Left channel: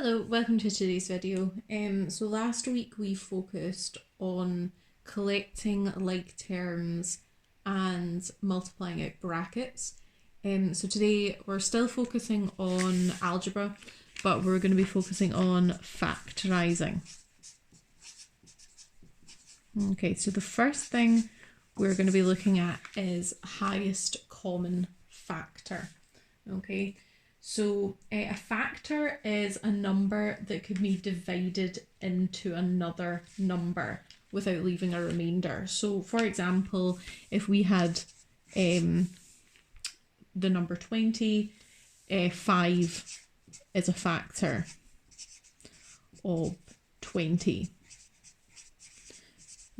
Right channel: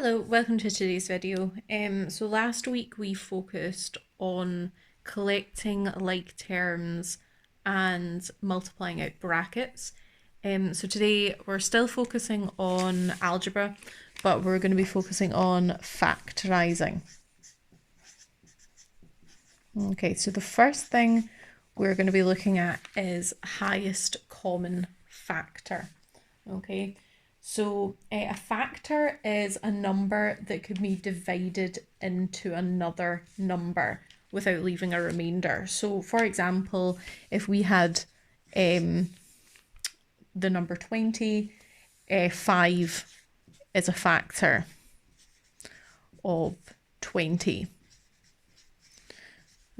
Hello, welcome to today's video. So last week we focused on collecting like terms and multiplying out brackets. So today we're still focusing on algebra, but we're going to be focusing on factorising. Okay, so the first thing we're going to be looking at is highest common factor. Okay, so a factor is a number that could be divided into another number without leaving a remainder. So for example, if we had the number 20, 5 is a factor of 20.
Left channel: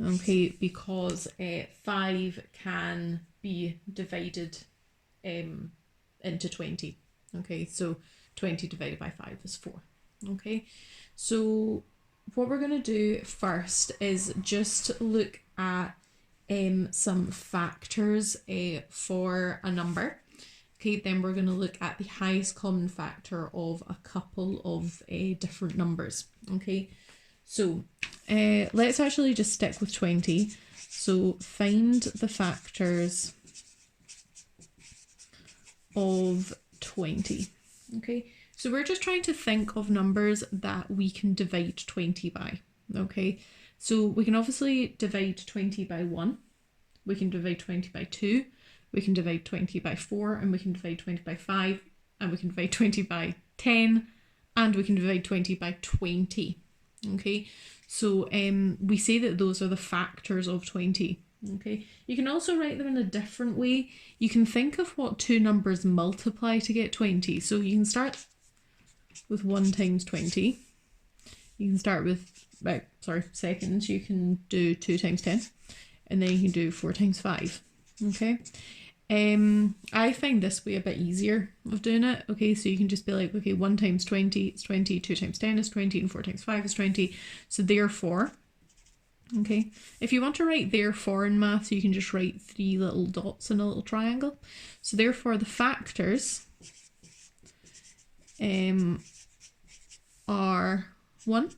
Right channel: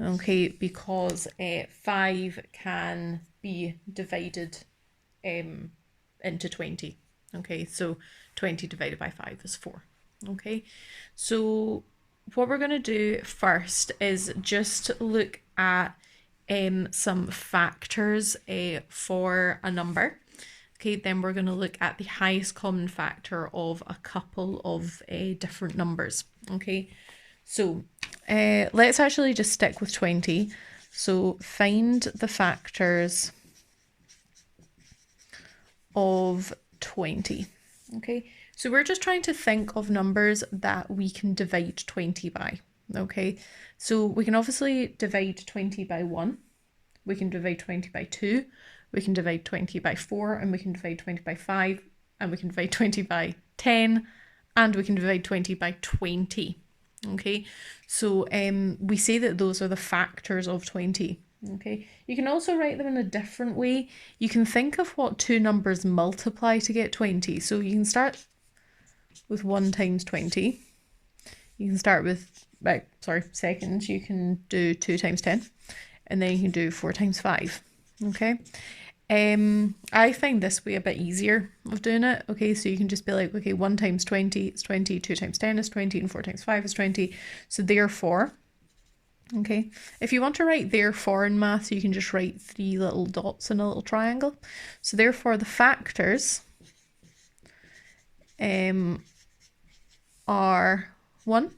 Okay, because 5 can be divided into 20. Okay, so 20 divided by 5 is 4. Okay, so what we're going to do first is just look at some factors for a number. Okay, then we're going to look at the highest common factor of a couple of different numbers. Okay, so let's actually just stick with 20. So find the factors of 20. Okay, so we're just trying to think of numbers that we can divide 20 by. Okay, so we can obviously divide 20 by 1, we can divide 20 by 2, we can divide 20 by 4, and we can divide 20 by 5, and we can divide 20 by 10, and we can divide 20 by 20. Okay, so we say that those are the factors of 20. Okay, you can also write them in a different way. You can think of what two numbers multiply to get 20. So you can start with 1 times 20. You can start with, seconds. You can do 2 times 10. And then you can do 4 times 5. Okay. I find this way a bit easier of doing it. Okay, so you can just be like, okay, 1 times 20 is 20, 2 times 10 is 20, and 4 times 5 is 20. So therefore, okay, if you want to write therefore in math, you can just write 3 little dots in a little triangle. So therefore the factors are 1,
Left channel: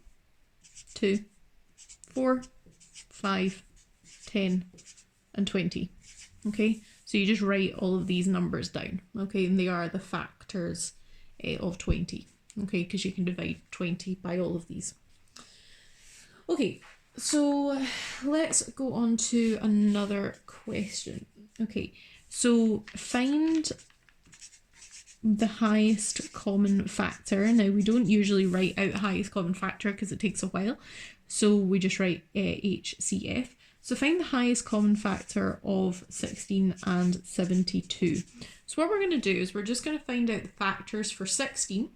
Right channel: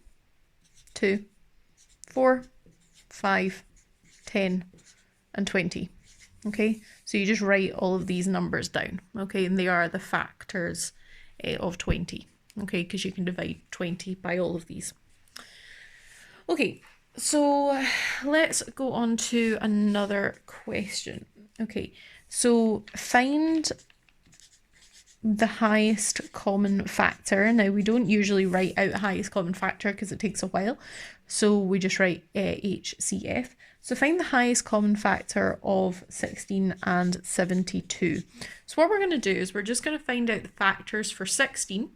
2, 4, 5, 10, and 20. Okay, so you just write all of these numbers down. Okay, and they are the factors of 20. Okay, because you can divide 20 by all of these. Okay, so let's go on to another question. Okay, so find the highest common factor. Now, we don't usually write out highest common factor because it takes a while. So we just write HCF. So find the highest common factor of 16 and 72. So what we're going to do is we're just going to find out the factors for 16,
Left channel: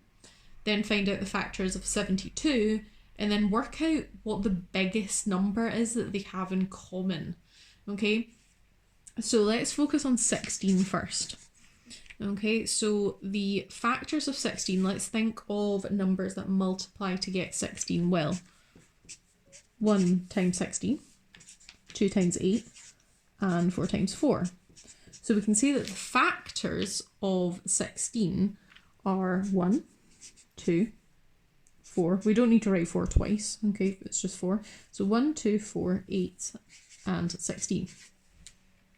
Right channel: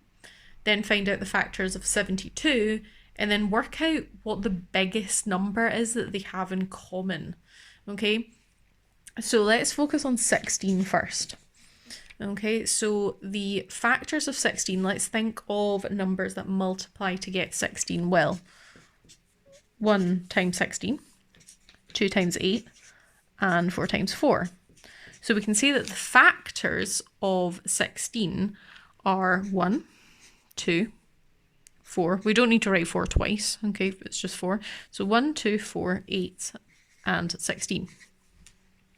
then find out the factors of 72, and then work out what the biggest number is that they have in common. Okay, so let's focus on 16 first. Okay, so the factors of 16, let's think of numbers that multiply to get 16. Well, 1 times 16, 2 times 8, and 4 times 4. So we can see that the factors of 16 are 1, 2, 4. We don't need to write 4 twice, okay, it's just 4. So 1, 2, 4, 8, and 16.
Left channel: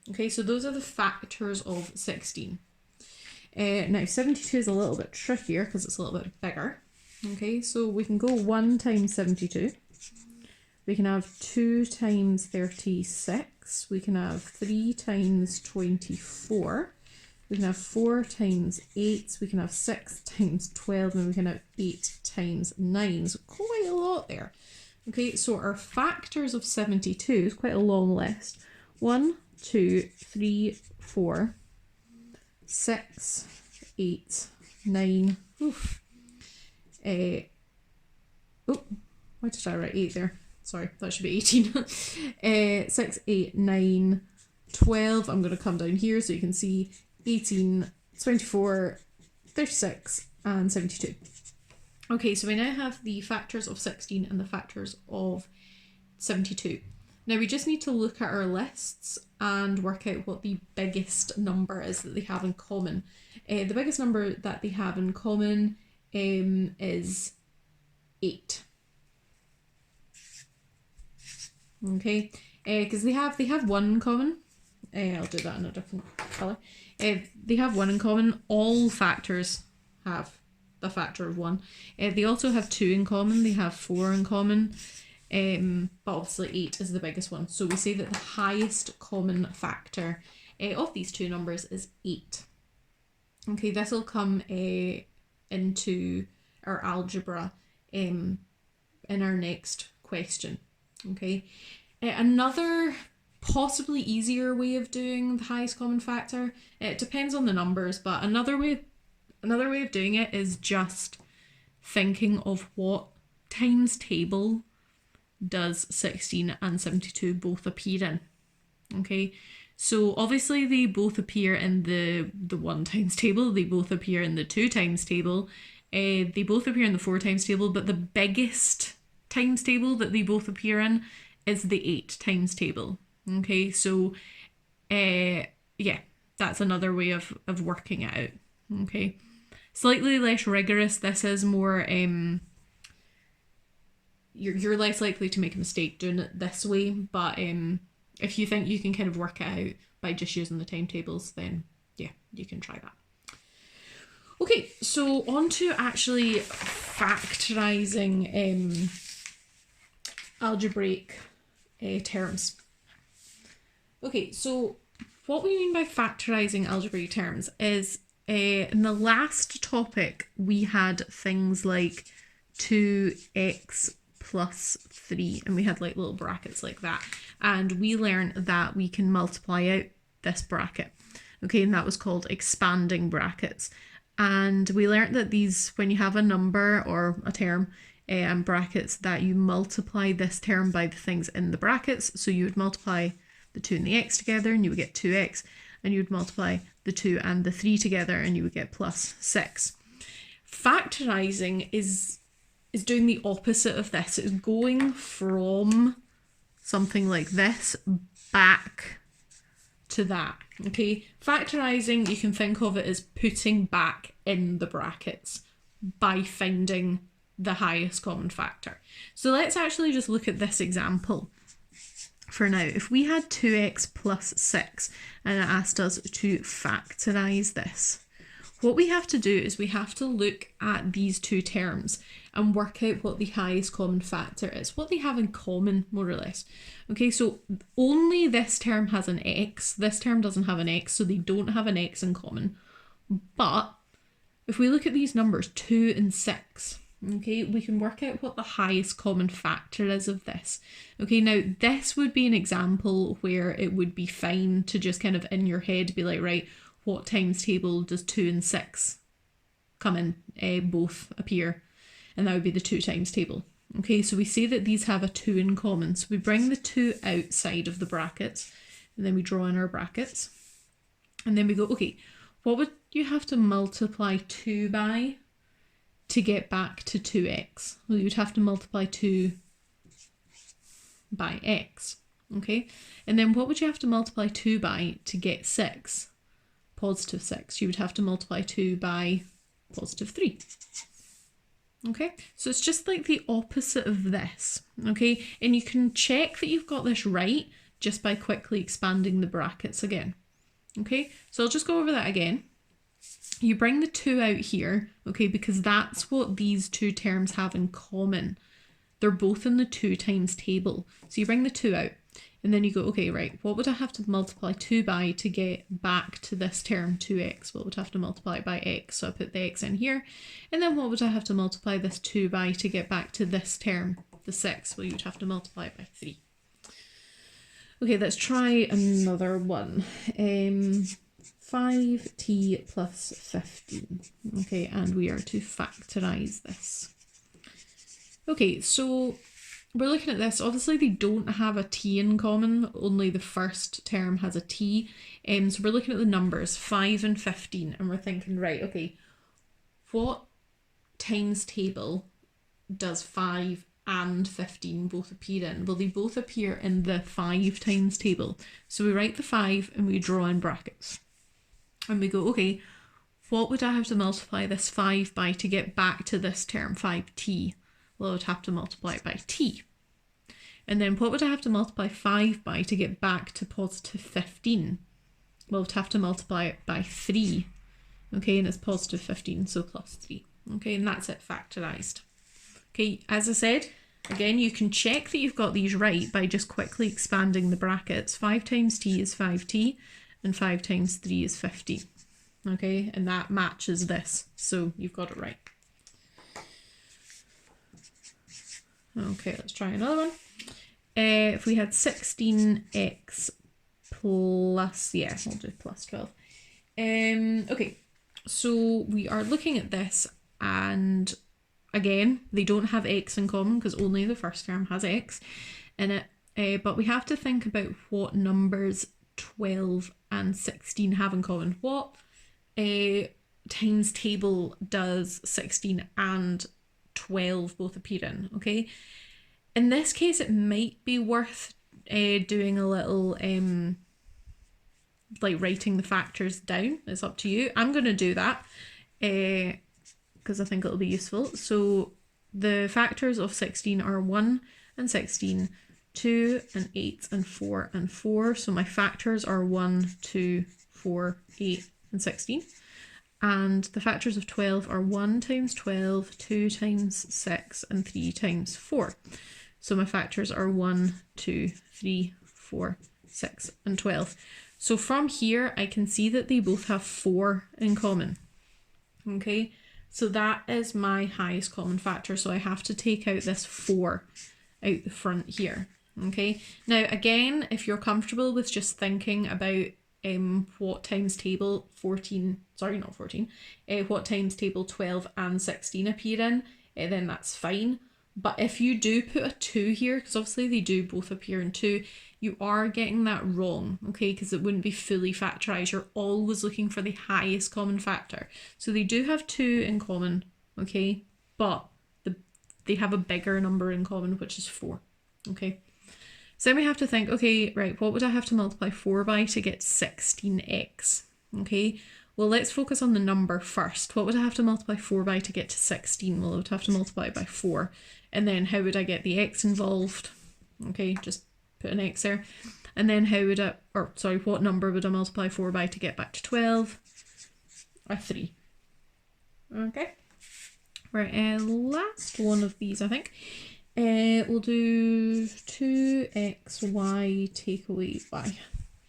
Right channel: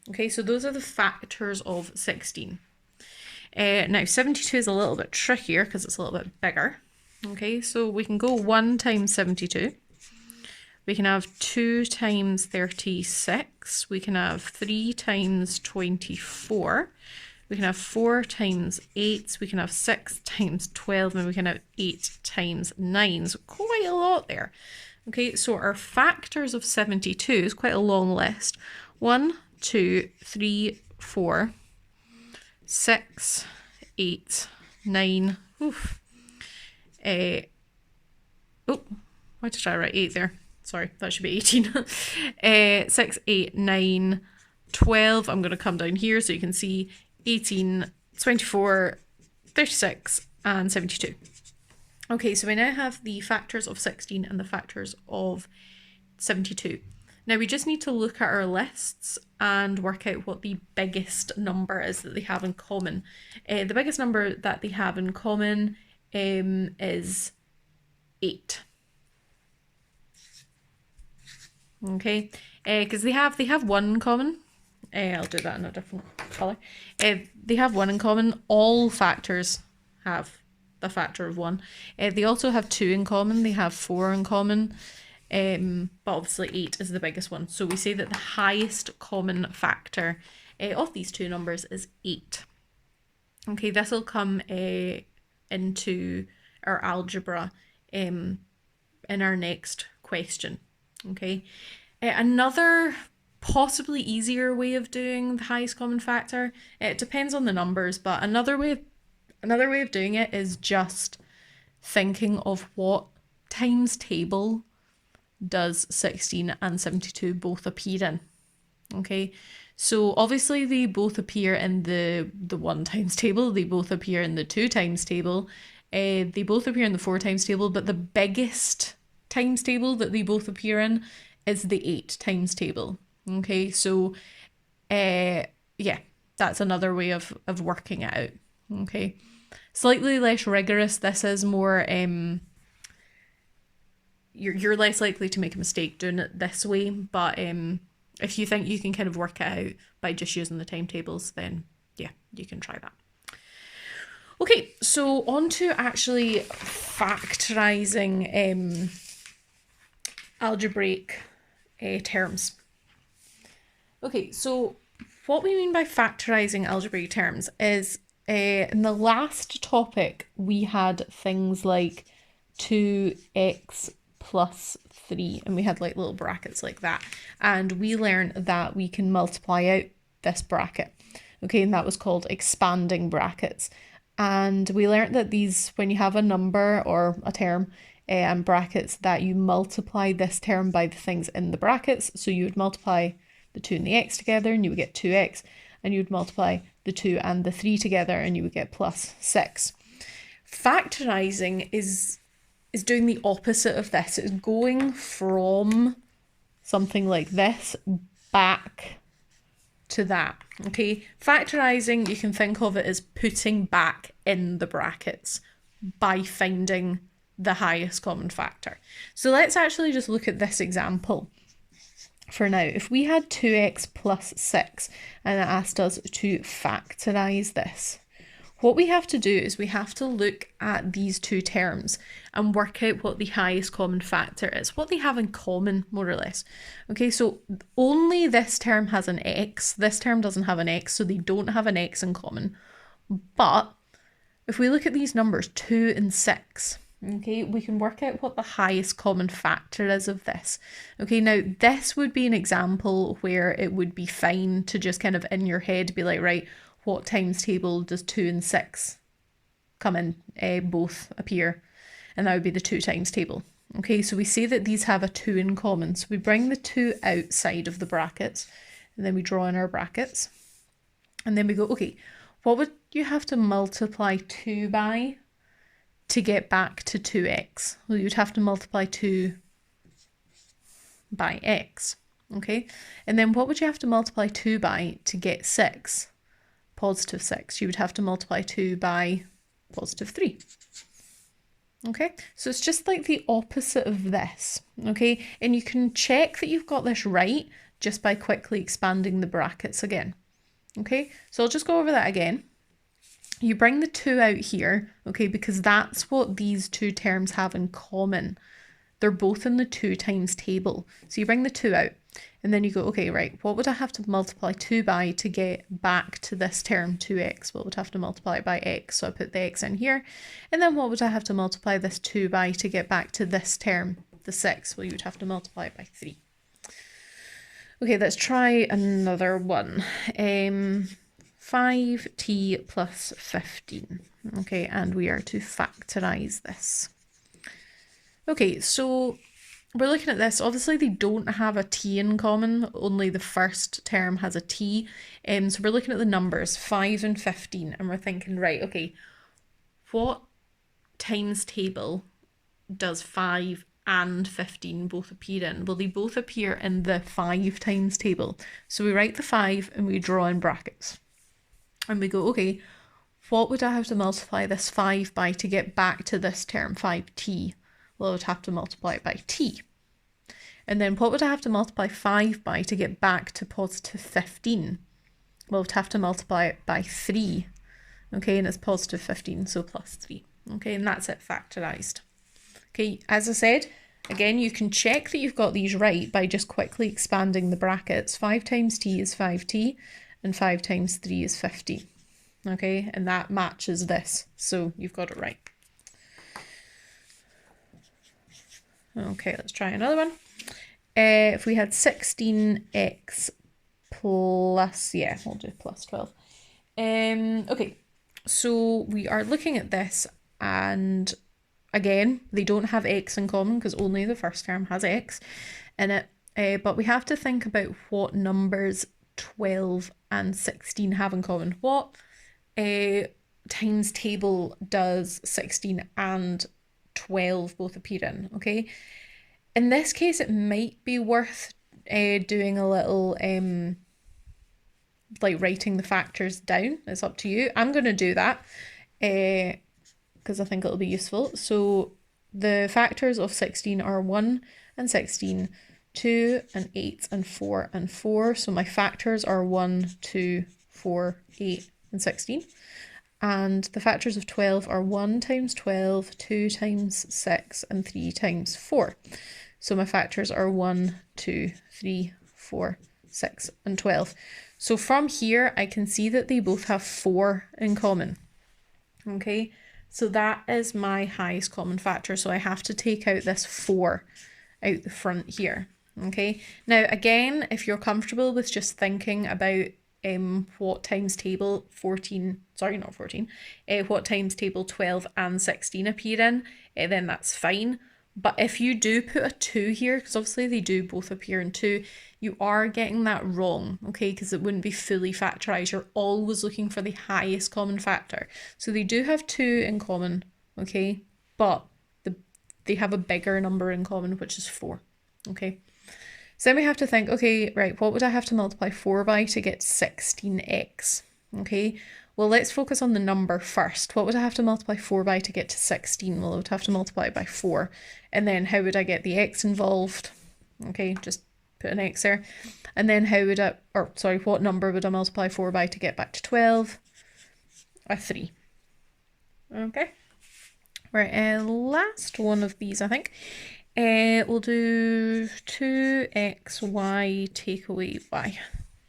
Okay, so those are the factors of 16. Now 72 is a little bit trickier because it's a little bit bigger. Okay, so we can go 1 times 72. We can have 2 times 36. We can have 3 times 24. We can have 4 times 8. We can have 6 times 12. And we can have 8 times 9. So quite a lot there. Okay, so our factors of 72 is quite a long list. 1, 2, 3, 4, 6, 8, 9. Oof. Why did I write 8 there? Sorry, that should be 18. 6, 8, 9, 12. I'm going to come down here so you can see 18, 24, 36, and 72. Okay, so we now have the factors of 16 and the factors of 72. Now we just need to look at our lists and work out what the biggest number is that they have in common. The biggest number that they have in common is 8. Okay, because they have one in common. I'll do that in a different colour. They have one in common. All factors have a factor of 1. They also have 2 in common. They have 4 in common. But obviously 8 is the biggest one. So we say that the highest common factor of these two numbers is 8. Okay, this will come into our algebra in our next question. Okay, another possibly easier way of doing the highest common factor, it depends on the numbers, but another way of doing it is just thinking of what times table does 16 and 72 both appear in. Okay, so obviously they both appear in the 1 times table, they both appear in the 2 times table, they both appear in the 4 times table, but the biggest times table that they both appear in is the 8 times table. Okay, so yeah, that's another way of working it out. Okay, slightly less rigorous. This is more you're less likely to make a mistake doing it this way, but if you think you can kind of work it out by just using the timetables, then yeah, you can try that. Okay, so on to actually factorising algebraic terms. Okay, so what we mean by factorising algebraic terms is in the last topic we had things like 2x plus 3, and we had like little brackets like that, and we learned that we can multiply out this bracket. Okay, and that was called expanding brackets. And we learned that these, when you have a number or a term and brackets, that you multiply this term by the things in the brackets. So you would multiply the 2 and the x together and you would get 2x, and you would multiply the 2 and the 3 together and you would get plus 6. Factorising is doing the opposite of this. It's going from something like this back to that. Okay, factorising, you can think of it as putting back in the brackets by finding the highest common factor. So let's actually just look at this example for now. If we had 2x plus 6 and it asked us to factorise this, what we have to do is we have to look at these two terms and work out what the highest common factor is, what they have in common, more or less. Okay, so only this term has an x, this term doesn't have an x, so they don't have an x in common. But if we look at these numbers, 2 and 6, okay, we can work out what the highest common factor is of this. Okay, now this would be an example where it would be fine to just kind of in your head be like, right, what times table does 2 and 6 come in? Both appear, and that would be the 2 times table. Okay, so we say that these have a 2 in common. So we bring the 2 outside of the brackets, and then we draw in our brackets. And then we go, okay, what would you have to multiply 2 by to get back to 2x? Well, you'd have to multiply 2 by x. Okay, and then what would you have to multiply 2 by to get 6? Positive 6. You would have to multiply 2 by positive 3. Okay, so it's just like the opposite of this. Okay, and you can check that you've got this right just by quickly expanding the brackets again. Okay, so I'll just go over that again. You bring the 2 out here, okay, because that's what these two terms have in common. They're both in the 2 times table. So you bring the 2 out, and then you go, okay, right, what would I have to multiply 2 by to get back to this term 2x? Well, I would have to multiply it by x, so I put the x in here. And then what would I have to multiply this 2 by to get back to this term, the 6? Well, you'd have to multiply it by 3. Okay, let's try another one. 5t plus 15. Okay, and we are to factorise this. Okay, so we're looking at this. Obviously, they don't have a t in common. Only the first term has a t. So we're looking at the numbers 5 and 15, and we're thinking, right, okay, what times table does 5 and 15 both appear in? Well, they both appear in the 5 times table. So we write the 5 and we draw in brackets. And we go, okay, what would I have to multiply this 5 by to get back to this term, 5t? Well, I would have to multiply it by t. And then what would I have to multiply 5 by to get back to positive 15? Well, I would have to multiply it by 3. Okay, and it's positive 15, so plus 3. Okay, and that's it factorised. Okay, as I said, again, you can check that you've got these right by just quickly expanding the brackets. 5 times t is 5t, and 5 times 3 is 50. Okay, and that matches this, so you've got it right. Okay, let's try another one. If we had 16x plus, yeah, we'll do plus 12. Okay, so we are looking at this, and again, they don't have x in common because only the first term has x in it. But we have to think about what numbers 12 and 16 have in common. What times table does 16 and 12 both appear in? Okay. In this case, it might be worth doing a little, like writing the factors down. It's up to you. I'm going to do that because I think it'll be useful. So the factors of 16 are 1 and 16, 2 and 8 and 4 and 4. So my factors are 1, 2, 4, 8 and 16. And the factors of 12 are 1 times 12, 2 times 6 and 3 times 4. So my factors are 1, 2, 3, 4, 6 and 12. So from here, I can see that they both have 4 in common. Okay, so that is my highest common factor. So I have to take out this 4 out the front here. Okay, now again, if you're comfortable with just thinking about what times table 14, sorry, not 14, what times table 12 and 16 appear in, then that's fine. But if you do put a 2 here, because obviously they do both appear in 2, you are getting that wrong, okay, because it wouldn't be fully factorised. You're always looking for the highest common factor. So they do have 2 in common, okay, but they have a bigger number in common, which is 4, okay. So then we have to think, okay, right, what would I have to multiply 4 by to get 16x, okay? Well, let's focus on the number first. What would I have to multiply 4 by to get to 16? Well, I would have to multiply it by 4. And then how would I get the x involved? Okay, just put an x there. And then how would I, or sorry, what number would I multiply 4 by to get back to 12? A 3. Okay. Right, last one of these, I think. We'll do 2xy take away y.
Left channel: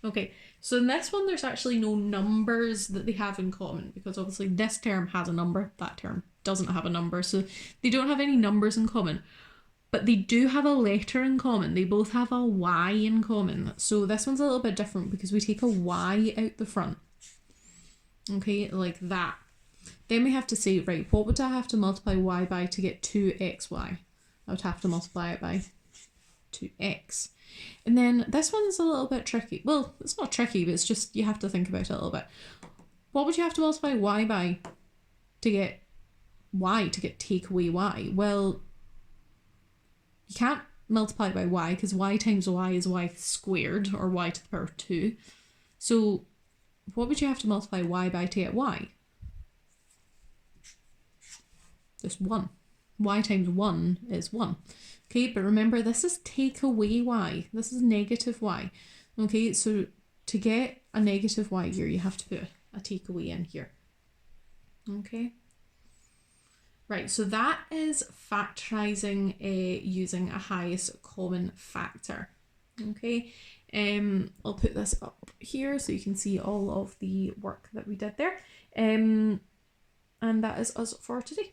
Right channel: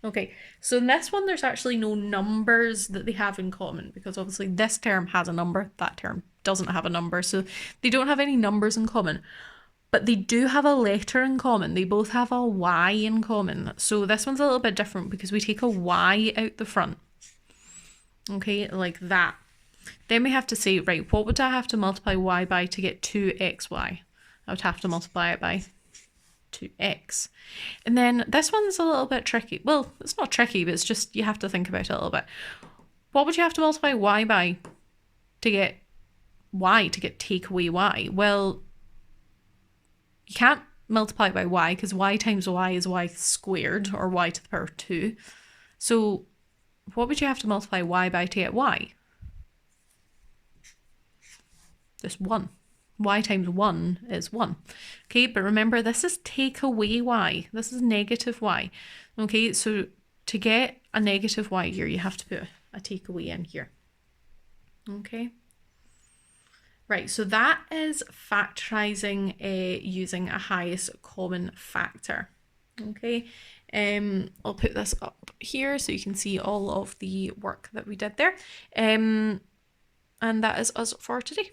Okay, so in this one, there's actually no numbers that they have in common because obviously this term has a number, that term doesn't have a number, so they don't have any numbers in common. But they do have a letter in common. They both have a y in common. So this one's a little bit different because we take a y out the front. Okay, like that. Then we have to say, right, what would I have to multiply y by to get 2xy? I would have to multiply it by 2x. And then this one's a little bit tricky. Well, it's not tricky, but it's just you have to think about it a little bit. What would you have to multiply y by to get y, to get take away y? Well, you can't multiply by y because y times y is y squared, or y to the power 2. So what would you have to multiply y by to get y? This 1. Y times 1 is 1. Okay, but remember this is take away y. This is negative y. Okay, so to get a negative y here, you have to put a take away in here. Okay. Right, so that is factorising using a highest common factor. Okay, I'll put this up here so you can see all of the work that we did there. And that is us for today.